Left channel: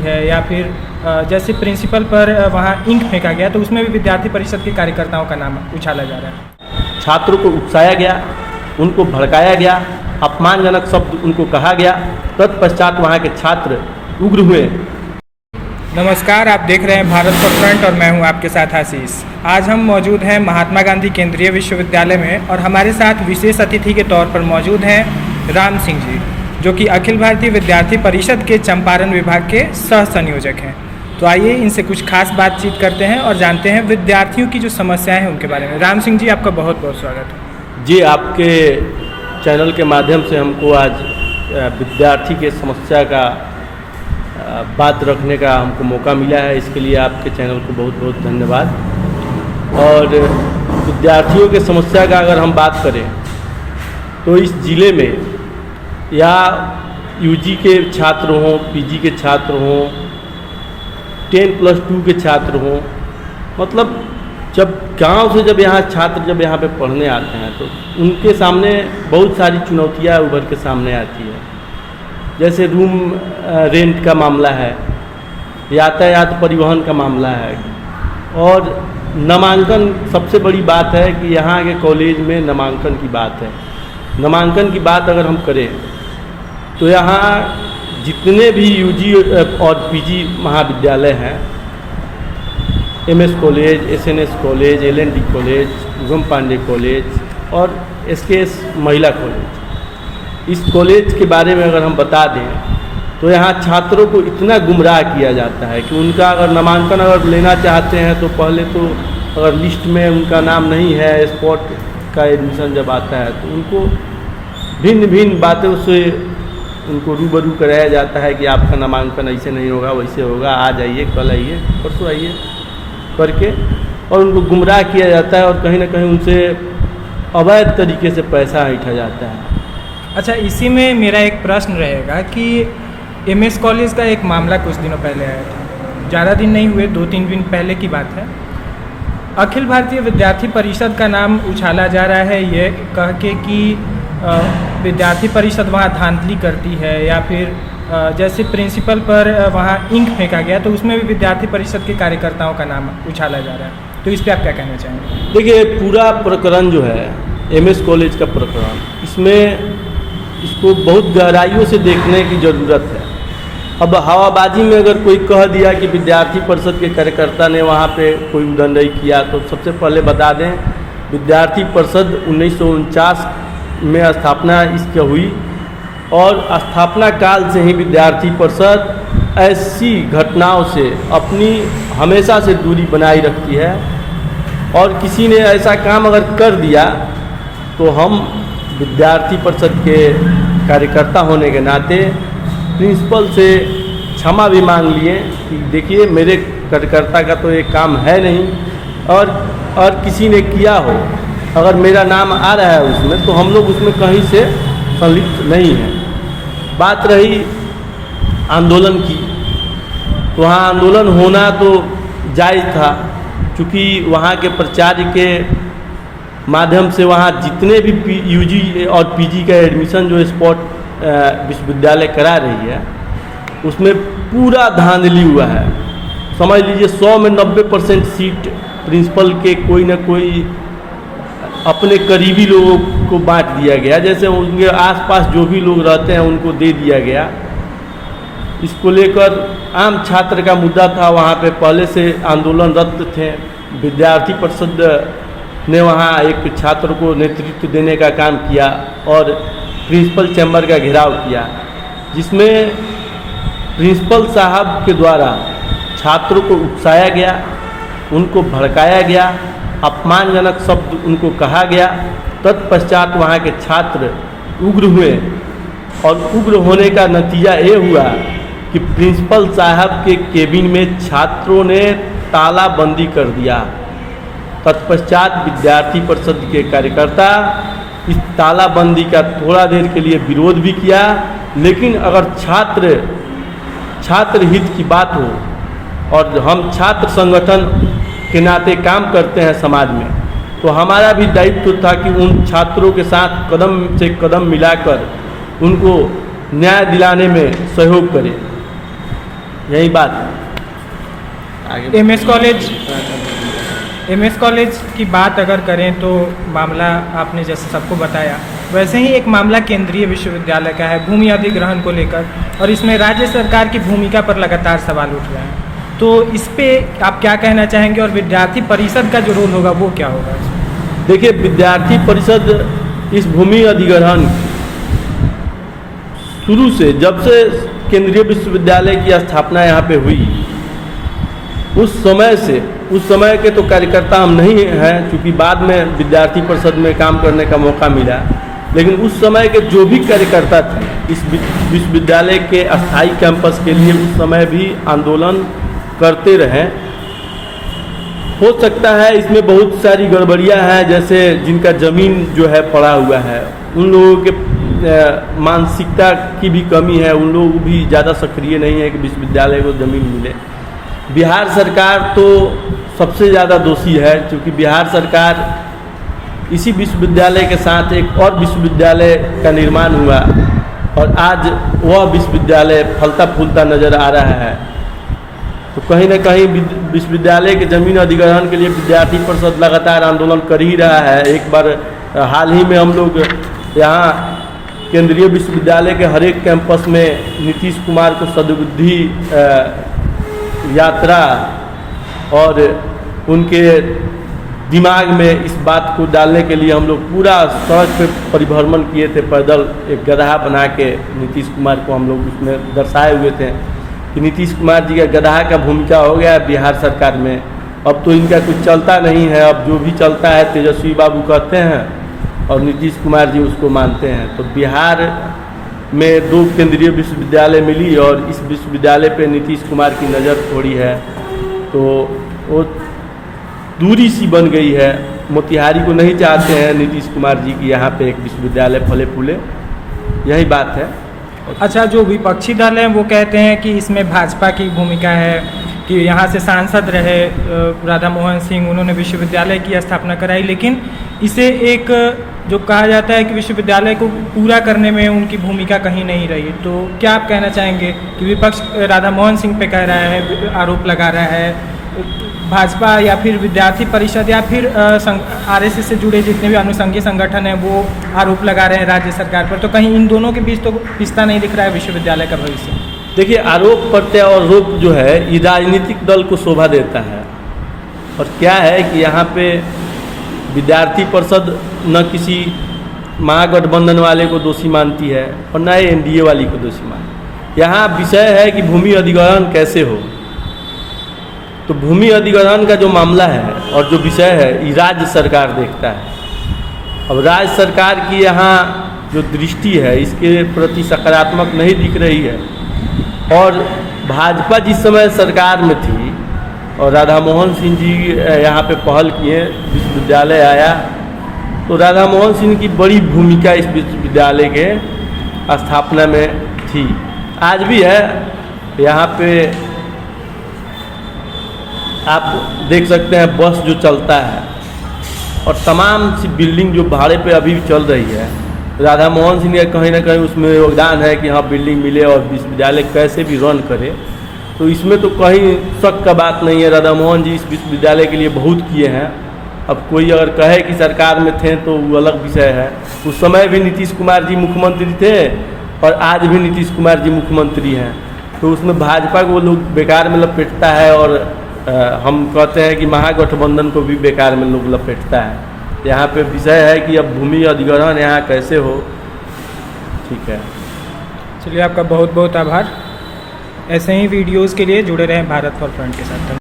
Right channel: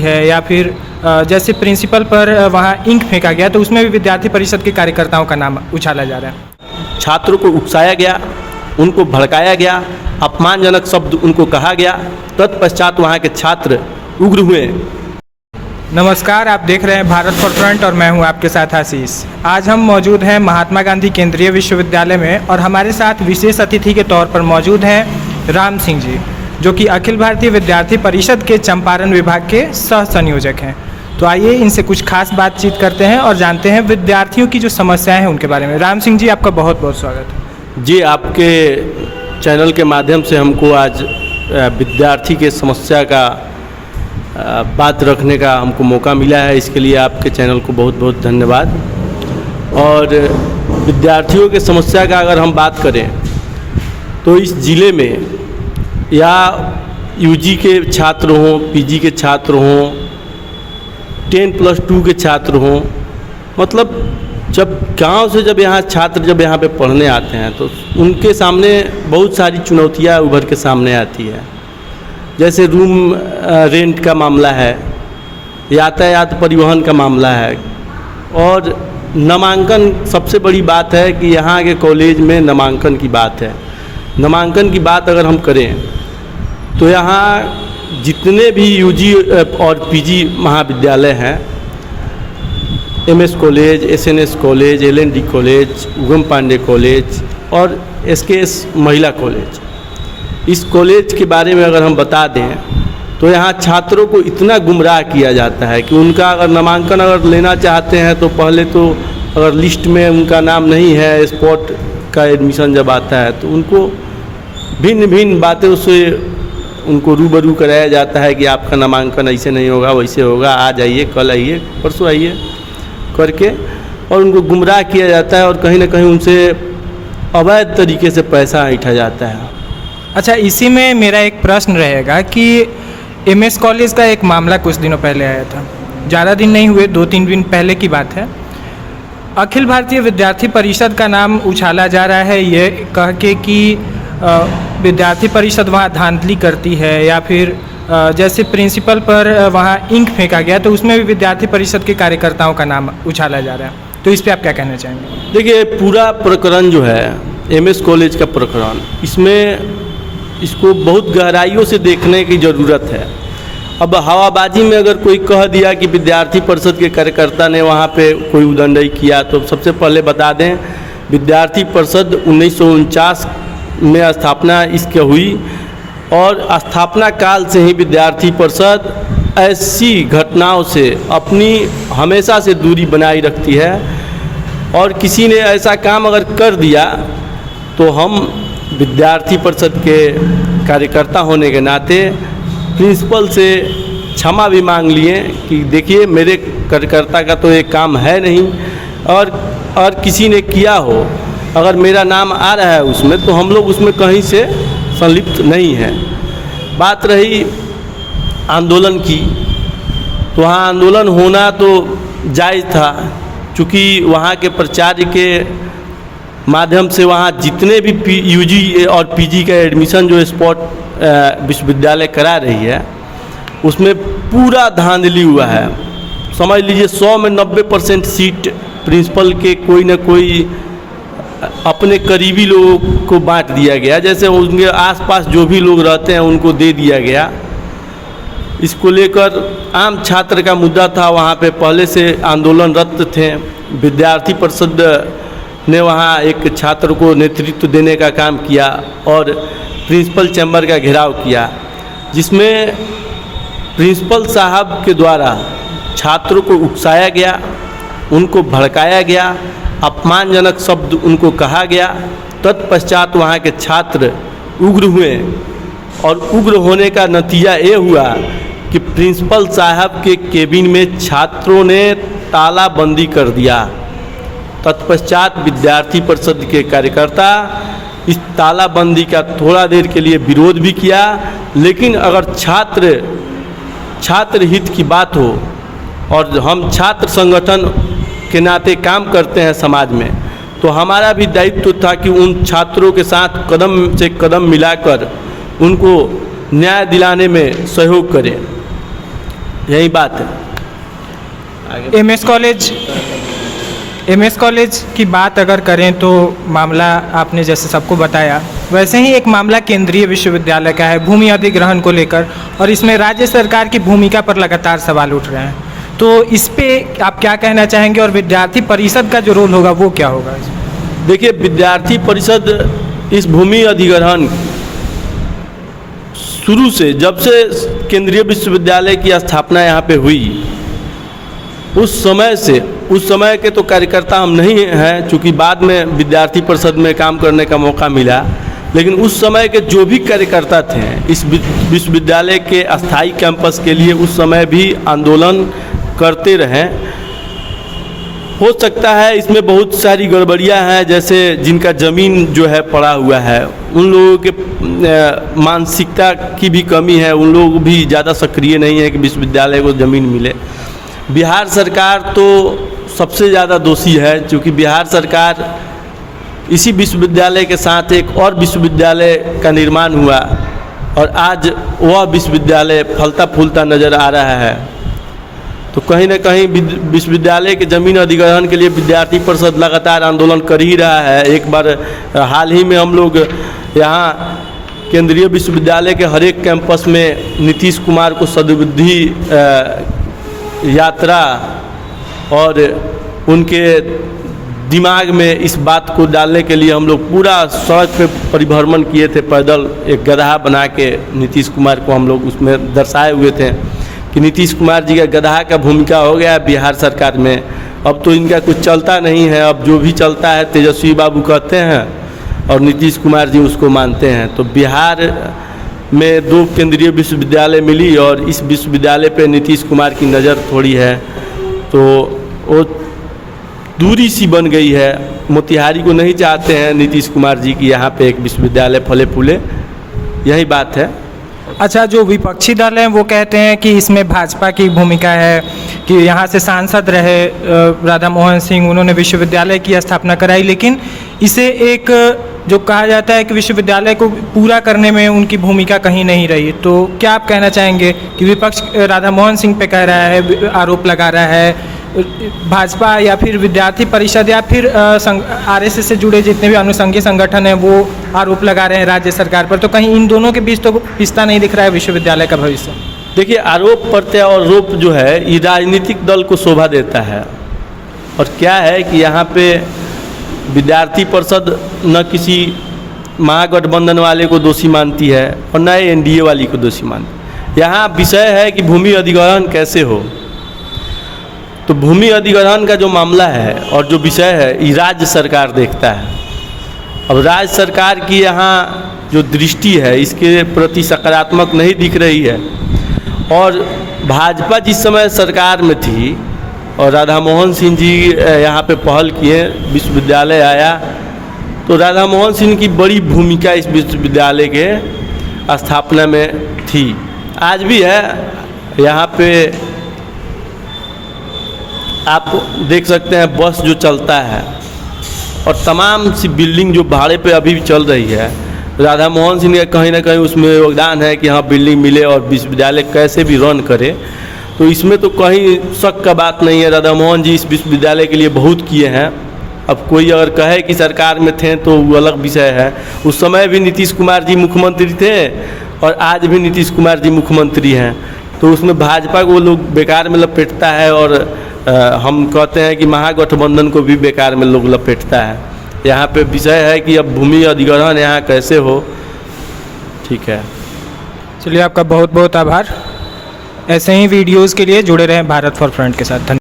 है या फिर जैसे प्रिंसिपल पर वहाँ इंक फेंका गया तो उसमें भी विद्यार्थी परिषद के कार्यकर्ताओं का नाम उछाला जा रहा है। छात्रों को उकसाया गया, उनको भड़काया गया, अपमानजनक शब्द उनको कहा गया। तत्पश्चात वहाँ के छात्र उग्र हुए। नमस्कार, आप देख रहे हैं भारत फॉर फ्रंट और मैं हूं आपके साथ आशीष। आज हम मौजूद हैं महात्मा गांधी केंद्रीय विश्वविद्यालय में और हमारे साथ विशेष अतिथि के तौर पर मौजूद हैं राम सिंह जी, जो कि अखिल भारतीय विद्यार्थी परिषद के चंपारण विभाग के सह संयोजक हैं। तो आइए इनसे कुछ खास बातचीत करते हैं और जानते हैं विद्यार्थियों की जो समस्याएं हैं उनके बारे में। राम सिंह जी, आपका बहुत बहुत स्वागत है। जी, आपके चैनल के माध्यम से हमको आज विद्यार्थी के समस्या का बात रखने का हमको मौका मिला है। इसके लिए आपके चैनल को बहुत बहुत धन्यवाद। और विद्यार्थियों के समस्या का अगर हम बात करें तो इस ज़िले में या यूजी के छात्र हों, पीजी के छात्र हों, 10+2 के छात्र हों, मतलब जब गांव से जब यहाँ पे पढ़ने आते हैं तो उनके सामने बहुत सारी चुनौतियाँ उभर के सामने आती है। जैसे रूम रेंट का मामला है, यातायात परिवहन का मामला है और नामांकन। सबसे बड़ी बात है कि यहाँ के कॉलेज में नामांकन की बात है। नामांकन की बात अगर हम करें तो यहाँ जितने भी यूजी और पीजी महाविद्यालय हैं, MS college, SNS college, LND college, Ugam Pandey college और एसकेएस महिला कॉलेज, इस कॉलेज के बारे में अगर हम बता दें तो यहाँ छात्रों को इतना गुमराह किया जाता है कि उनका अगर नामांकन अगर लेना चाहते हैं तो पहले तो अगर लिस्ट में उनका नाम नहीं है, स्पॉट का एडमिशन जब आता है तो उनको भिन्न भिन्न बातों से उनको रूबरू कराया जाता है कि आपका नामांकन ऐसे नहीं होगा, वैसे होगा, आज आइए, कल आइए, परसों आइए करके, और उनको गुमराह किया जाता है और कहीं ना कहीं उनसे अवैध तरीके से पैसा ऐंठा जाता है। अच्छा, इसी में मेरा एक प्रश्न रहेगा कि एमएस कॉलेज का एक मामला कुछ दिनों पहले आया था, ज़्यादा दिन नहीं हुए, 2-3 दिन पहले की बात है। अखिल भारतीय विद्यार्थी परिषद का नाम उछाला जा रहा है ये कह के कि विद्यार्थी परिषद वहाँ धांधली करती है या फिर जैसे प्रिंसिपल पर वहाँ इंक फेंका गया तो उसमें भी विद्यार्थी परिषद के कार्यकर्ताओं का नाम उछाला जा रहा है। तो इस पर आप क्या कहना चाहेंगे? देखिए, पूरा प्रकरण जो है एमएस कॉलेज का प्रकरण, इसमें इसको बहुत गहराइयों से देखने की ज़रूरत है। अब हवाबाजी में अगर कोई कह दिया कि विद्यार्थी परिषद के कार्यकर्ता ने वहाँ पे कोई उद्दंडई किया तो सबसे पहले बता दें, विद्यार्थी परिषद 1949 में स्थापना इसकी हुई और स्थापना काल से ही विद्यार्थी परिषद ऐसी घटनाओं से अपनी हमेशा से दूरी बनाए रखती है। और किसी ने ऐसा काम अगर कर दिया तो हम विद्यार्थी परिषद के कार्यकर्ता होने के नाते प्रिंसिपल से क्षमा भी मांग लिए कि देखिए, मेरे कार्यकर्ता का तो एक काम है नहीं, और किसी ने किया हो, अगर मेरा नाम आ रहा है उसमें तो हम लोग उसमें कहीं से संलिप्त नहीं है। बात रही आंदोलन की, तो वहाँ आंदोलन होना तो जायज़ था, चूँकि वहाँ के प्राचार्य के माध्यम से वहाँ जितने भी यूजी और पीजी का एडमिशन जो स्पॉट विश्वविद्यालय करा रही है उसमें पूरा धांधली हुआ है। समझ लीजिए 100 में 90% सीट प्रिंसिपल के कोई ना कोई अपने करीबी लोगों को बांट दिया गया, जैसे उनके आसपास जो भी लोग रहते हैं उनको दे दिया गया। इसको लेकर आम छात्र का मुद्दा था, वहाँ पे पहले से आंदोलनरत थे। विद्यार्थी परिषद ने वहाँ एक छात्र को नेतृत्व देने का काम किया और प्रिंसिपल चैम्बर का घेराव किया, जिसमें प्रिंसिपल साहब के द्वारा छात्रों को उकसाया गया, उनको भड़काया गया, अपमानजनक शब्द उनको कहा गया। तत्पश्चात वहाँ के छात्र उग्र हुए और उग्र होने का नतीजा ये हुआ कि प्रिंसिपल साहब के केबिन में छात्रों ने तालाबंदी कर दिया। तत्पश्चात विद्यार्थी परिषद के कार्यकर्ता इस तालाबंदी का थोड़ा देर के लिए विरोध भी किया, लेकिन अगर छात्र हित की बात हो और हम छात्र संगठन के नाते काम करते हैं समाज में, तो हमारा भी दायित्व था कि उन छात्रों के साथ कदम से कदम मिलाकर उनको न्याय दिलाने में सहयोग करें। यही बात है। आगे एमएस कॉलेज की बात अगर करें तो मामला आपने जैसे सबको बताया, वैसे ही एक मामला केंद्रीय विश्वविद्यालय का है भूमि अधिग्रहण को लेकर, और इसमें राज्य सरकार की भूमिका पर लगातार सवाल उठ रहे हैं। तो इस पे आप क्या कहना चाहेंगे, और विद्यार्थी परिषद का जो रोल होगा वो क्या होगा? देखिए, विद्यार्थी परिषद इस भूमि अधिग्रहण शुरू से, जब से केंद्रीय विश्वविद्यालय की स्थापना यहाँ पे हुई, उस समय के तो कार्यकर्ता हम नहीं हैं, चूँकि बाद में विद्यार्थी परिषद में काम करने का मौका मिला, लेकिन उस समय के जो भी कार्यकर्ता थे इस विश्वविद्यालय के अस्थायी कैंपस के लिए, उस समय भी आंदोलन करते रहे। हो सकता है इसमें बहुत सारी गड़बड़ियां हैं, जैसे जिनका ज़मीन जो है पड़ा हुआ है, उन लोगों के मानसिकता की भी कमी है, उन लोग भी ज़्यादा सक्रिय नहीं है कि विश्वविद्यालय को ज़मीन मिले। बिहार सरकार तो सबसे ज़्यादा दोषी है, क्योंकि बिहार सरकार इसी विश्वविद्यालय के साथ एक और विश्वविद्यालय का निर्माण हुआ, और आज वह विश्वविद्यालय फलता फूलता नज़र आ रहा है। तो कहीं ना कहीं विश्वविद्यालय के ज़मीन अधिग्रहण के लिए विद्यार्थी परिषद लगातार आंदोलन कर ही रहा है। एक बार हाल ही में हम लोग यहाँ केंद्रीय विश्वविद्यालय के हर एक कैंपस में नीतीश कुमार को सद्बुद्धि यात्रा और उनके दिमाग में इस बात को डालने के लिए हम लोग पूरा सड़क पे परिभ्रमण किए थे, पैदल एक गधा बना के नीतीश कुमार को हम लोग उसमें दर्शाए हुए थे कि नीतीश कुमार जी का गधा का भूमिका हो गया बिहार सरकार में। अब तो इनका कुछ चलता नहीं है, अब जो भी चलता है तेजस्वी बाबू कहते हैं और नीतीश कुमार जी उसको मानते हैं। तो बिहार में 2 केंद्रीय विश्वविद्यालय मिली और इस विश्वविद्यालय पे नीतीश कुमार की नज़र थोड़ी है, तो वो दूरी सी बन गई है। मोतिहारी को नहीं चाहते हैं नीतीश कुमार जी की यहाँ पे एक विश्वविद्यालय फले फूले, यही बात है। अच्छा, जो विपक्षी दल हैं वो कहते हैं कि इसमें भाजपा की भूमिका है, कि यहाँ से सांसद रहे राधा मोहन सिंह, उन्होंने विश्वविद्यालय की स्थापना कराई, लेकिन इसे एक जो कहा जाता है कि विश्वविद्यालय को पूरा करने में उनकी भूमिका कहीं नहीं रही। तो क्या आप कहना चाहेंगे कि विपक्ष राधा मोहन सिंह पे कह रहा है, आरोप लगा रहा है, भाजपा या फिर विद्यार्थी परिषद या फिर आरएसएस से जुड़े जितने भी अनुषंगी संगठन हैं वो आरोप लगा रहे हैं राज्य सरकार पर, तो कहीं इन दोनों के बीच तो रिश्ता नहीं दिख रहा है विश्वविद्यालय का भविष्य? देखिए, आरोप प्रत्यारोप जो है ये राजनीतिक दल को शोभा देता है। और क्या है कि यहाँ पे विद्यार्थी परिषद न किसी महागठबंधन वाले को दोषी मानती है और न एनडीए वाली को दोषी मानती। यहाँ विषय है कि भूमि अधिग्रहण कैसे हो। तो भूमि अधिग्रहण का जो मामला है और जो विषय है ये राज्य सरकार देखता है। अब राज्य सरकार की यहाँ जो दृष्टि है इसके प्रति सकारात्मक नहीं दिख रही है। और भाजपा जिस समय सरकार में थी और राधा मोहन सिंह जी यहाँ पे पहल किए, विश्वविद्यालय आया, तो राधा मोहन सिंह की बड़ी भूमिका इस विश्वविद्यालय के स्थापना में थी, आज भी है। यहाँ पे आप देख सकते हैं बस जो चलता है और तमाम सी बिल्डिंग जो भाड़े पे अभी भी चल रही है, राधा मोहन सिंह का कहीं ना कहीं उसमें योगदान है कि हाँ बिल्डिंग मिले और विश्वविद्यालय कैसे भी रन करे। तो इसमें तो कहीं शक का बात नहीं है, राधा मोहन जी इस विश्वविद्यालय के लिए बहुत किए हैं। अब कोई अगर कहे कि सरकार में थे तो वो अलग विषय है। उस समय भी नीतीश कुमार जी मुख्यमंत्री थे और आज भी नीतीश कुमार जी मुख्यमंत्री हैं, तो उसमें भाजपा को लोग बेकार में लपेटता है और हम कहते हैं कि महागठबंधन को भी बेकार में लोग लपेटता है। यहाँ पे विषय है कि अब भूमि अधिग्रहण यहाँ कैसे हो। ठीक है, चलिए, आपका बहुत बहुत आभार। ऐसे ही वीडियोज़ के लिए जुड़े रहें भारत फॉर फ्रंट के साथ। धन्यवाद।